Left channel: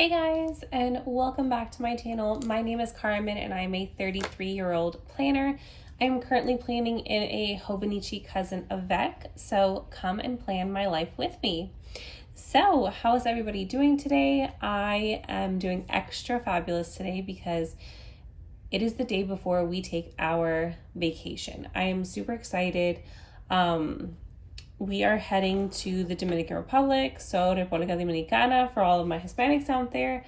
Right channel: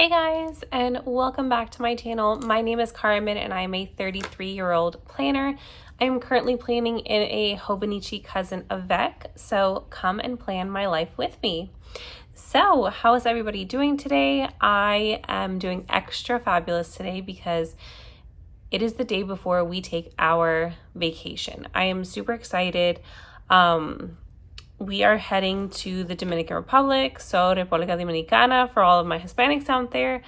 Hey guys, and welcome back to my channel. My name is Carmen and I'm a 33-year-old planner. I'm currently planning in a Hobonichi cousin Avec, so come and plan my life with me. So how is everybody doing today? I am doing extra fabulous today because it is the day before we take our vacation. I am super excited. We are heading to the Dominican Republic, so República Dominicana for all of my Hispanics out there,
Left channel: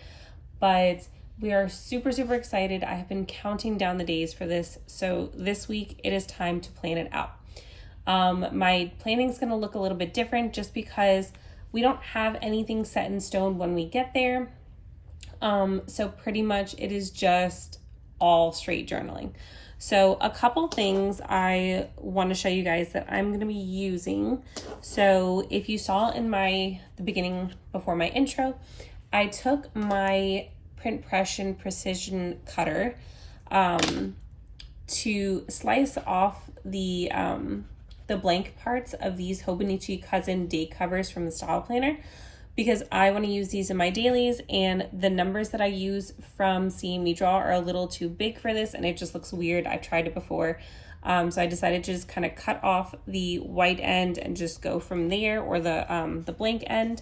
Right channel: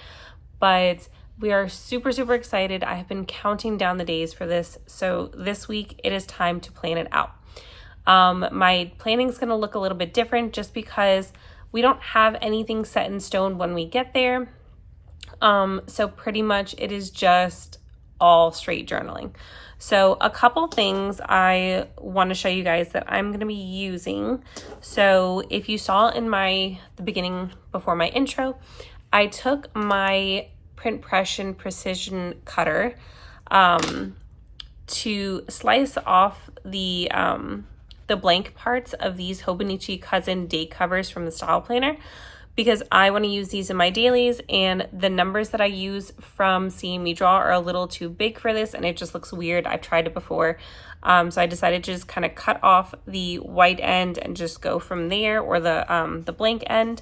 but we are super excited. I have been counting down the days for this, so this week it is time to plan it out. My planning is going to look a little bit different just because we don't have anything set in stone when we get there, so pretty much it is just all straight journaling. So a couple things I want to show you guys that I'm going to be using. So if you saw in the beginning before my intro, I took my Printpression precision cutter to slice off the blank parts of these Hobonichi cousin date covers from the style planner, because I want to use these in my dailies, and the numbers that I use from Seeing Me Draw are a little too big for this and it just looks weird. I've tried it before. So I decided to just kind of cut off the white end and just go from there, or the blank end.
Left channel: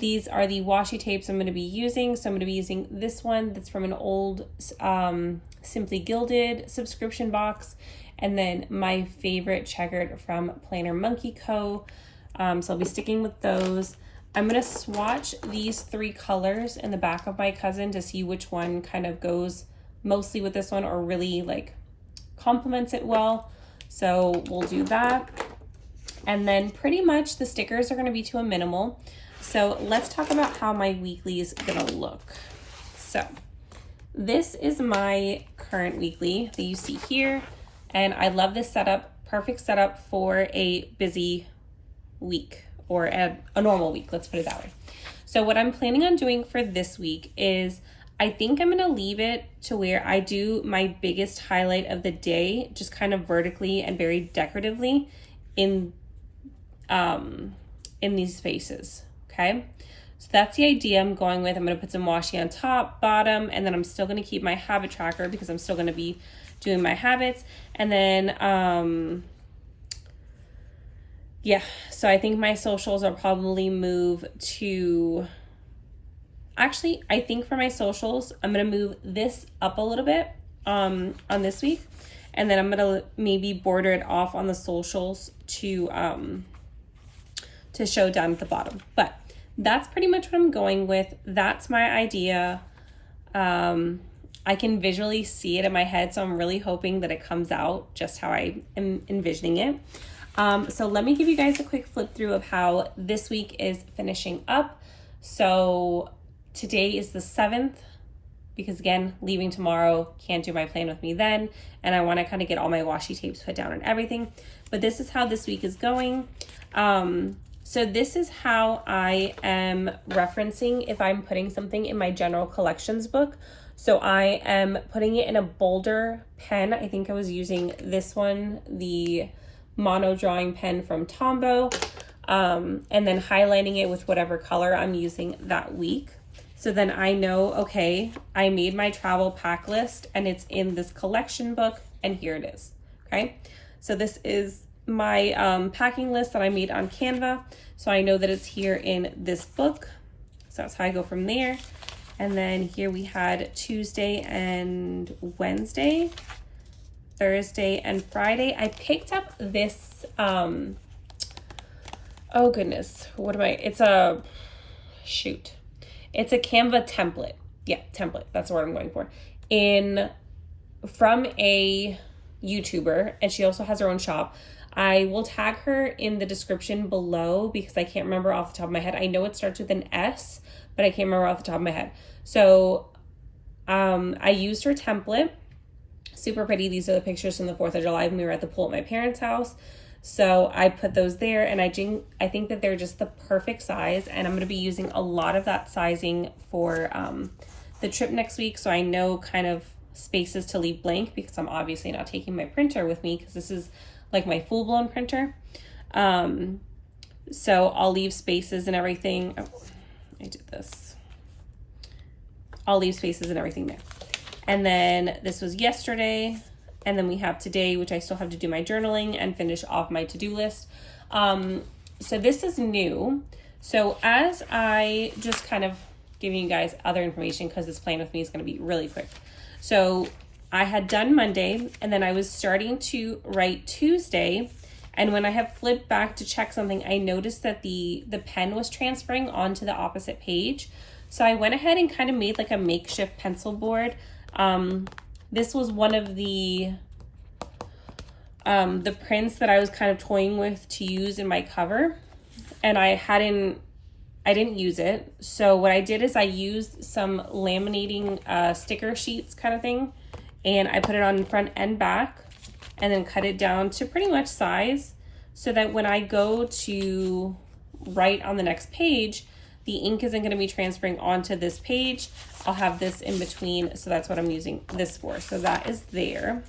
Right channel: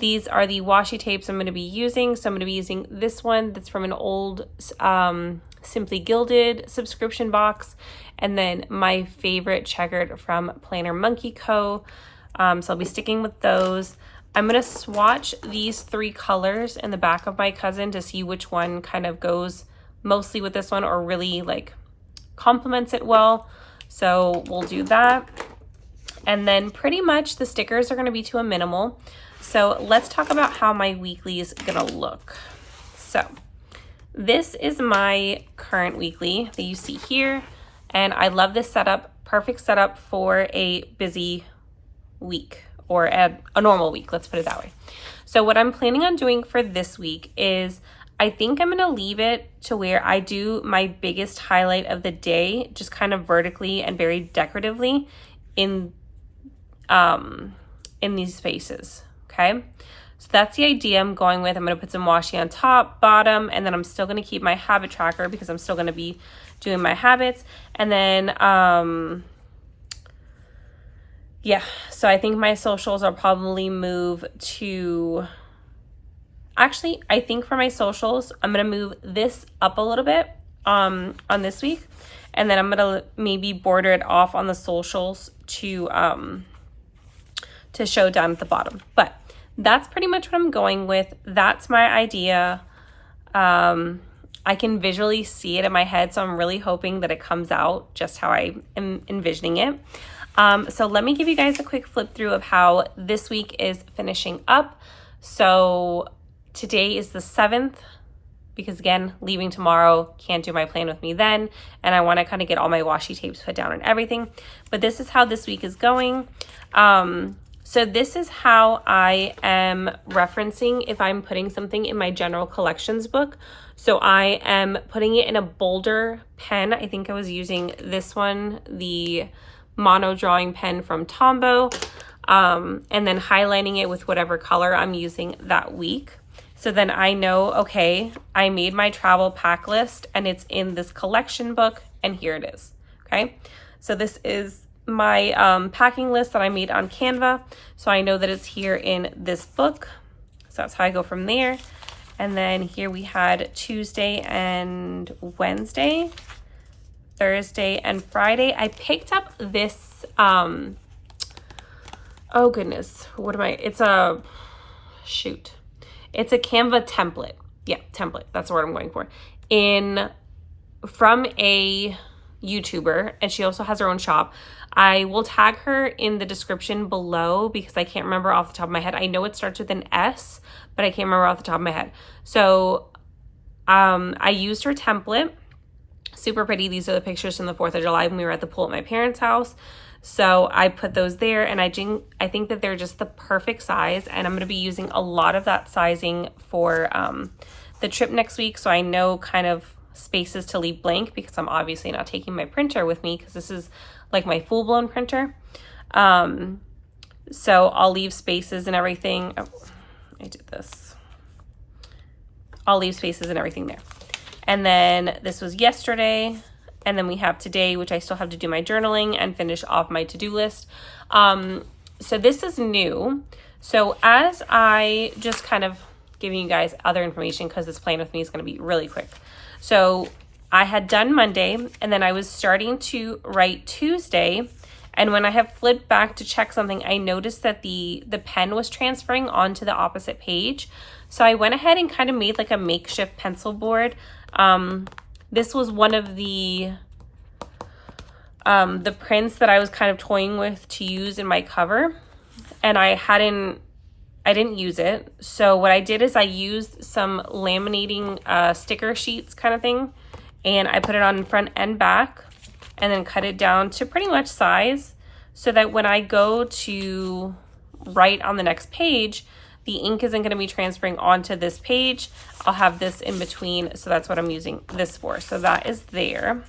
These are the washi tapes I'm going to be using. So I'm going to be using this one that's from an old Simply Gilded subscription box, and then my favorite checkered from Planner Monkey Co. So I'll be sticking with those. I'm going to swatch these three colors in the back of my cousin to see which one kind of goes mostly with this one or really like complements it well. So we'll do that. And then pretty much the stickers are going to be to a minimal. So let's talk about how my weekly is going to look. So this is my current weekly that you see here. And I love this setup. Perfect setup for a busy week. Or a normal week, let's put it that way. So what I'm planning on doing for this week is I think I'm gonna leave it to where I do my biggest highlight of the day, just kind of vertically and very decoratively in these spaces, okay? So that's the idea I'm going with. I'm gonna put some washi on top, bottom, and then I'm still gonna keep my habit tracker because I'm still gonna be doing my habits. And then, yeah, so I think my socials will probably move to, actually, I think for my socials, I'm going to move this up a little bit on this week. And then I'm going to maybe border it off on the socials to show down at the bottom. But that's pretty much what I'm going with. That's my idea. I can visually see it in my head, so I'm really hoping that it comes out just how I am envisioning it. So let me give you guys a quick flip through of how this week is finishing up. So today is the 7th, because again, leaving tomorrow, can't do my plan with me then. And I want to kind of get all my washi tapes put down and everything. But this is how this week is going. So this is how I am referencing if I'm putting something in my general collections book. So I am putting it in a bolder pen. I think I was using this one, the mono drawing pen from Tombow, and then highlighting it with whatever color I'm using that week. So then I know, okay, I made my travel pack list and it's in this collection book, and here it is, okay? So this is my packing list that I made on Canva. So I know that it's here in this book. So that's how I go from there. And then here we had Tuesday and Wednesday, Thursday and Friday. I picked up this, oh goodness, it's a Canva template. Yeah, template, that's the word I'm going for. From a YouTuber, and she also has her own shop. I will tag her in the description below because I can't remember off the top of my head. I know it starts with an S, but I can't remember off the top of my head. So I used her template. Super pretty. These are the pictures from the 4th of July when we were at the pool at my parents' house. So I put those there, and I think that they're just the perfect size, and I'm going to be using a lot of that sizing for the trip next week. So I know kind of spaces to leave blank because I'm obviously not taking my printer with me because this is like my full-blown printer. So I'll leave spaces and everything. Oh, I did this. I'll leave spaces and everything there. And then this was yesterday. And then we have today, which I still have to do my journaling and finish off my to-do list. So this is new. So as I just kind of giving you guys other information, because this plan with me is going to be really quick. So I had done Monday, and then I was starting to write Tuesday. And when I have flipped back to check something, I noticed that the pen was transferring onto the opposite page. So I went ahead and kind of made like a makeshift pencil board. This was one of the prints that I was kind of toying with to use in my cover, and I didn't use it. So what I did is I used some laminating sticker sheets kind of thing, and I put it on front and back, and then cut it down to pretty much size, so that when I go to write on the next page, the ink isn't going to be transferring onto this page. I'll have this in between, so that's what I'm using this for. So that is there.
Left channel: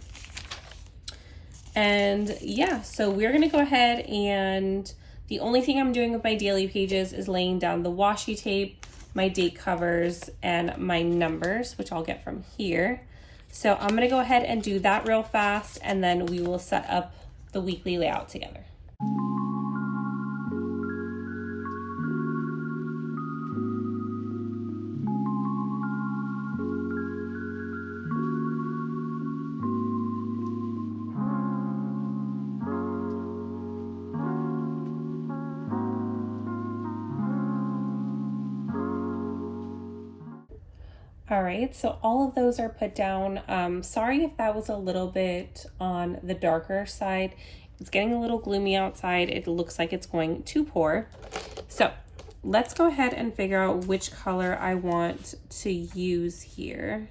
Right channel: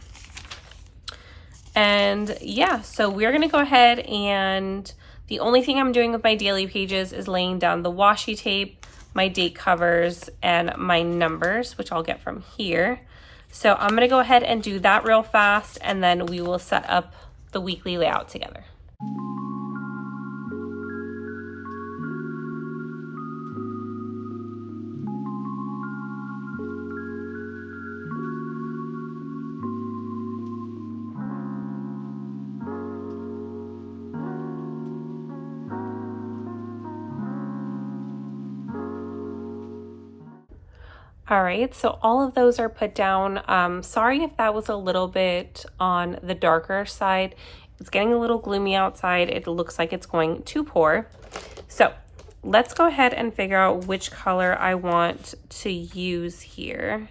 And yeah, so we're going to go ahead, and the only thing I'm doing with my daily pages is laying down the washi tape, my date covers, and my numbers, which I'll get from here. So I'm going to go ahead and do that real fast, and then we will set up the weekly layout together. All right, so all of those are put down. Sorry if that was a little bit on the darker side. It's getting a little gloomy outside. It looks like it's going to pour. So let's go ahead and figure out which color I want to use here.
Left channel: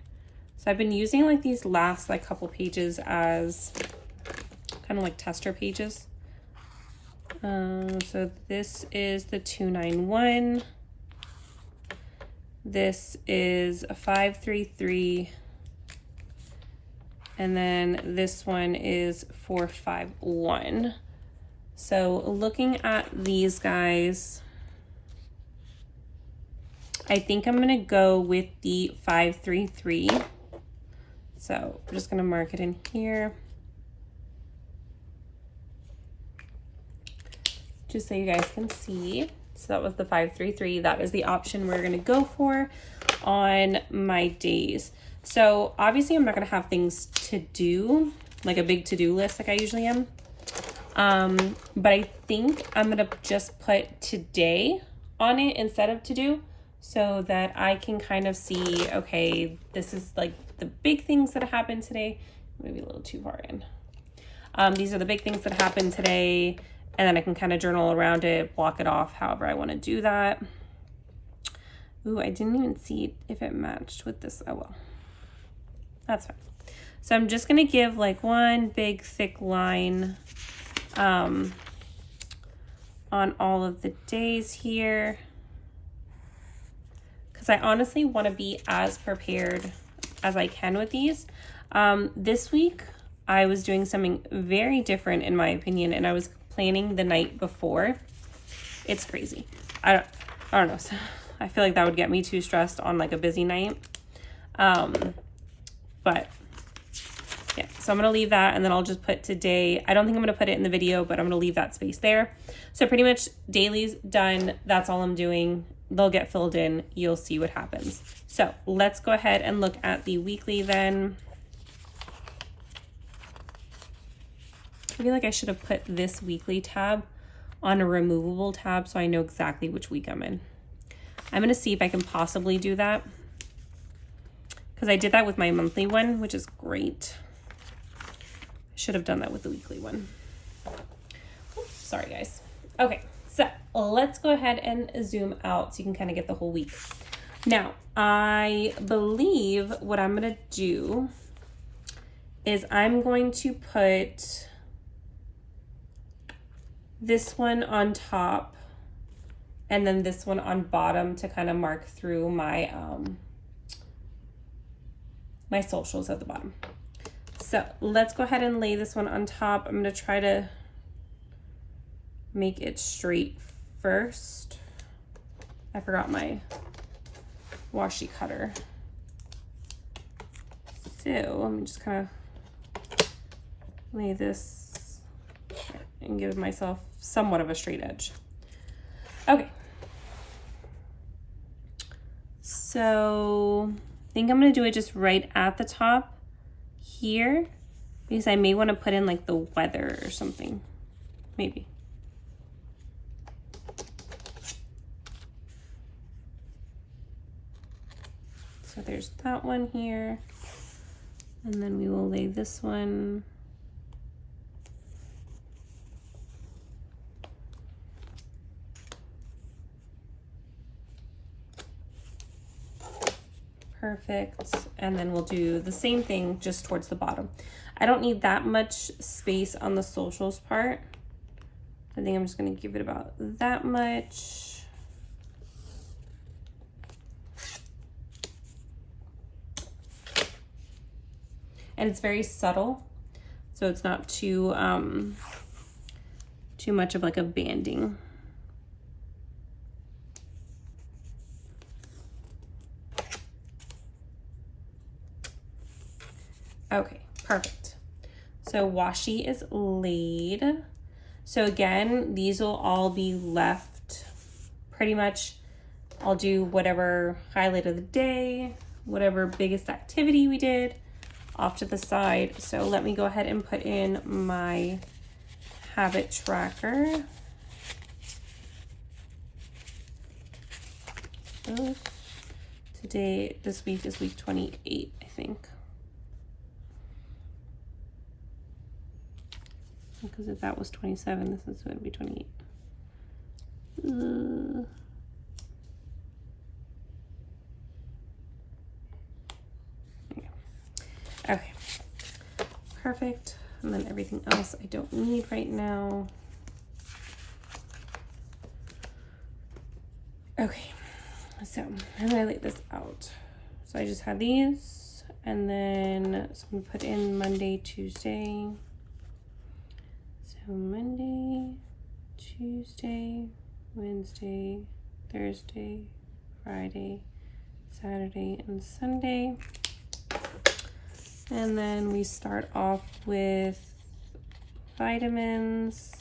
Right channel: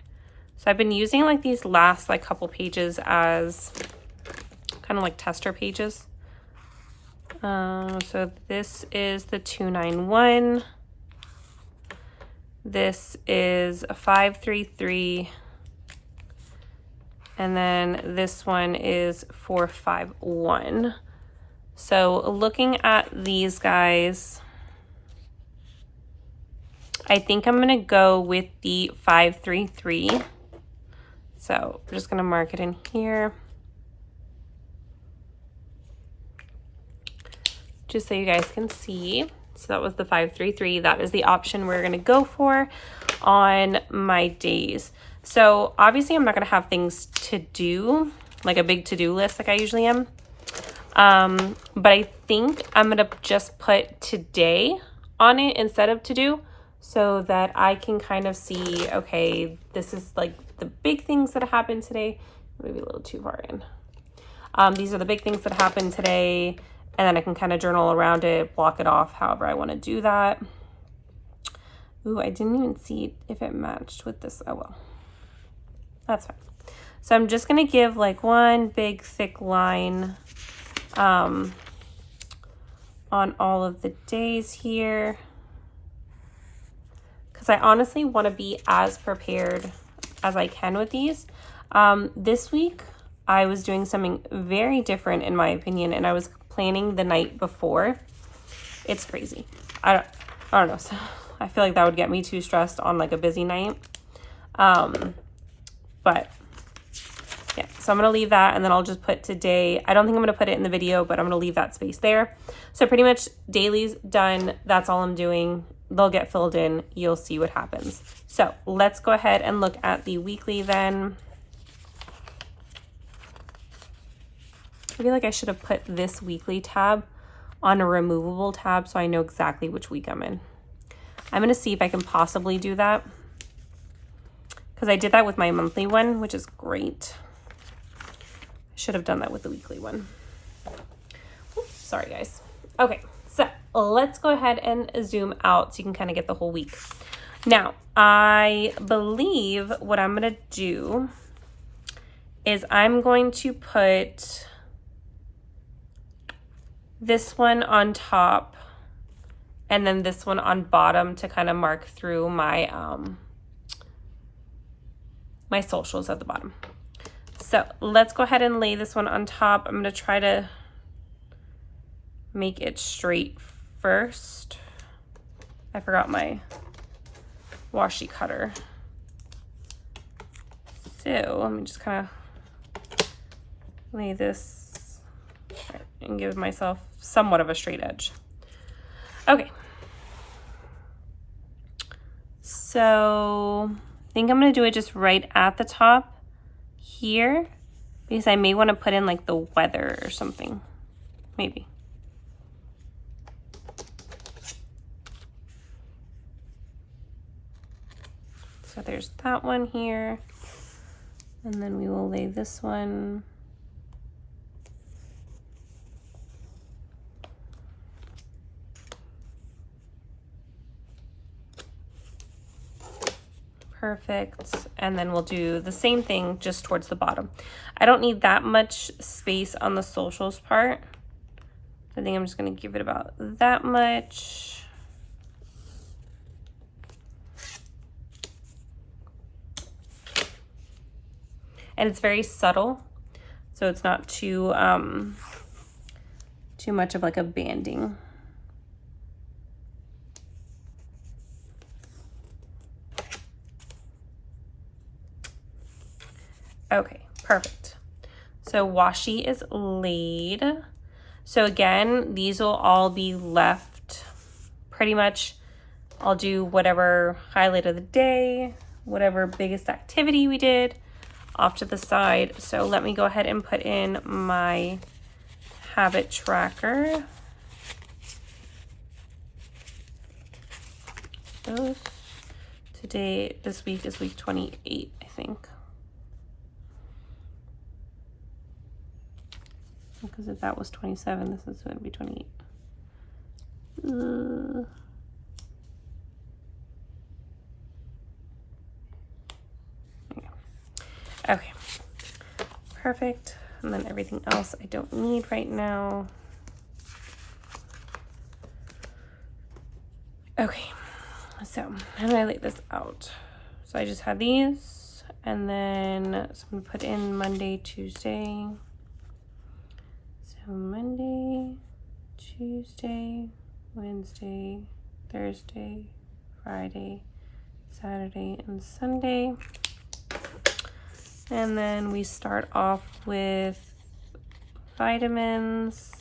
So I've been using like these last like couple pages as kind of like tester pages. So this is the 291. This is a 533, and then this one is 451. So looking at these guys, I think I'm gonna go with the 533. So I'm just gonna mark it in here, just so you guys can see. So that was the 533. That is the option we're going to go for on my days. So obviously I'm not going to have things to do, like a big to-do list like I usually am. But I think I'm going to just put today on it instead of to do, so that I can kind of see, okay, this is like the big things that happened today. Maybe a little too far in. These are the big things that happened today. And then I can kind of journal around it, block it off, however I want to do that. Ooh, I didn't even see if it matched with this. Oh, well, that's fine. So I'm just going to give like one big thick line on all of the days here, because I honestly want to be as prepared as I can with these. This week, I was doing something very different in my opinion, and I was planning the night before. It's crazy. I don't know. So I feel like that would get me too stressed on like a busy night. But yeah, so I'm going to leave that, and then I'll just put today. I don't think I'm going to put it in the video, but I'm going to leave that space there. So pretty much daily's done. That's all I'm doing. They'll get filled in. You'll see what happens. So let's go ahead and look at the weekly then. I feel like I should have put this weekly tab on a removable tab so I know exactly which week I'm in. I'm going to see if I can possibly do that, because I did that with my monthly one, which is great. I should have done that with the weekly one. Oops, sorry guys. Okay, so let's go ahead and zoom out so you can kind of get the whole week. Now, I believe what I'm going to do is I'm going to put this one on top and then this one on bottom to kind of mark through my my socials at the bottom. So let's go ahead and lay this one on top. I'm going to try to make it straight first. I forgot my washi cutter. So let me just kind of lay this and give myself somewhat of a straight edge. Okay. So I think I'm going to do it just right at the top here, because I may want to put in like the weather or something, maybe. So there's that one here, and then we will lay this one. Perfect. And then we'll do the same thing just towards the bottom. I don't need that much space on the socials part. I think I'm just going to give it about that much. And it's very subtle, so it's not too much of like a banding. Okay, perfect. So washi is laid. So again, these will all be left pretty much. I'll do whatever highlight of the day, whatever biggest activity we did, off to the side. So let me go ahead and put in my habit tracker. So today, this week is week 28, I think. Because if that was 27, this is going to be 28. Okay, perfect. And then everything else I don't need right now. Okay, so how do I lay this out? So I just had these, and then so I'm gonna put in Monday, Tuesday. So Monday, Tuesday, Wednesday, Thursday, Friday, Saturday, and Sunday. And then we start off with vitamins.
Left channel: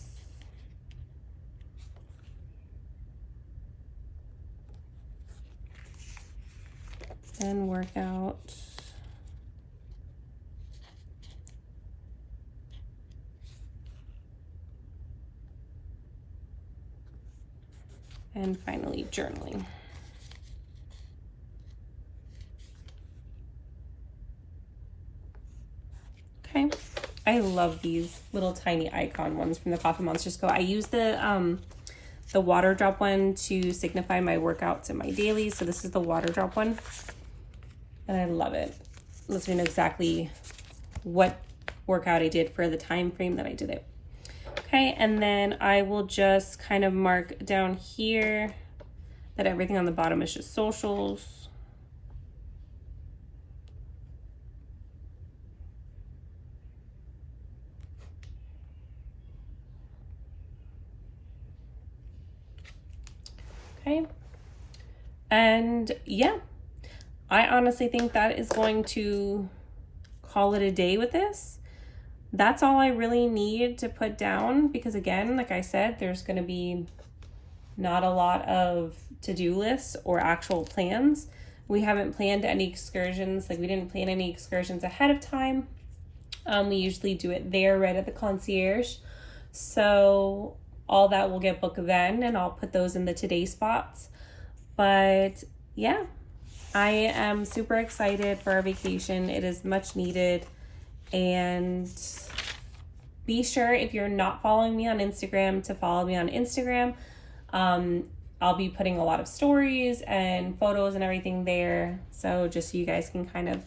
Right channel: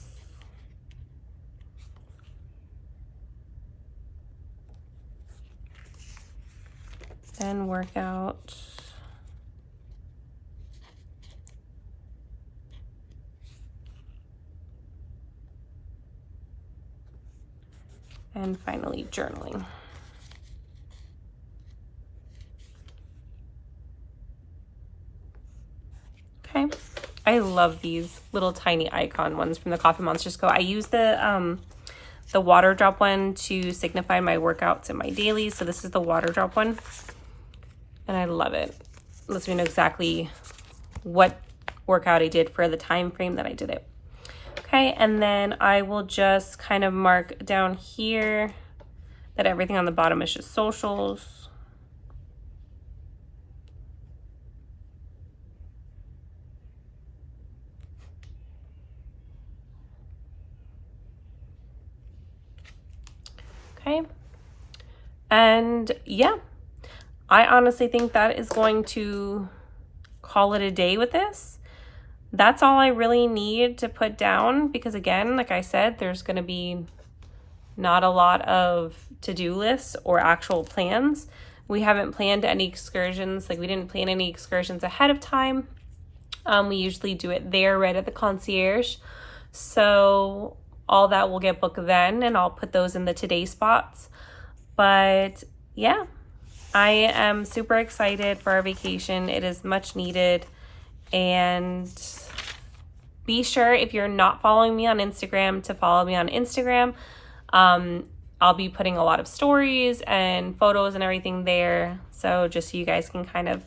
Then workout. And finally, journaling. Okay, I love these little tiny icon ones from the Coffee Monsters Co. I use the water drop one to signify my workouts and my dailies. So this is the water drop one, and I love it. It lets me know exactly what workout I did for the time frame that I did it. Okay, and then I will just kind of mark down here that everything on the bottom is just socials. Okay, and yeah, I honestly think that is going to call it a day with this. That's all I really need to put down, because again, like I said, there's going to be not a lot of to-do lists or actual plans. We haven't planned any excursions. Like, we didn't plan any excursions ahead of time. We usually do it there right at the concierge. So all that will get booked then, and I'll put those in the today spots. But yeah, I am super excited for our vacation. It is much needed. And be sure, if you're not following me on Instagram, to follow me on Instagram. I'll be putting a lot of stories and photos and everything there, so just so you guys can kind of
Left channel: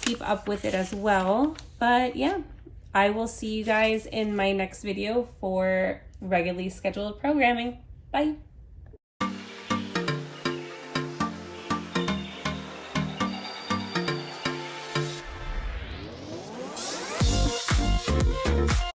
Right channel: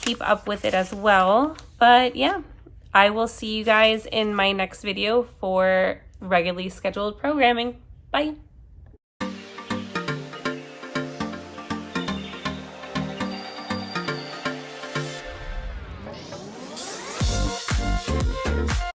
keep up with it as well. But yeah, I will see you guys in my next video for regularly scheduled programming. Bye.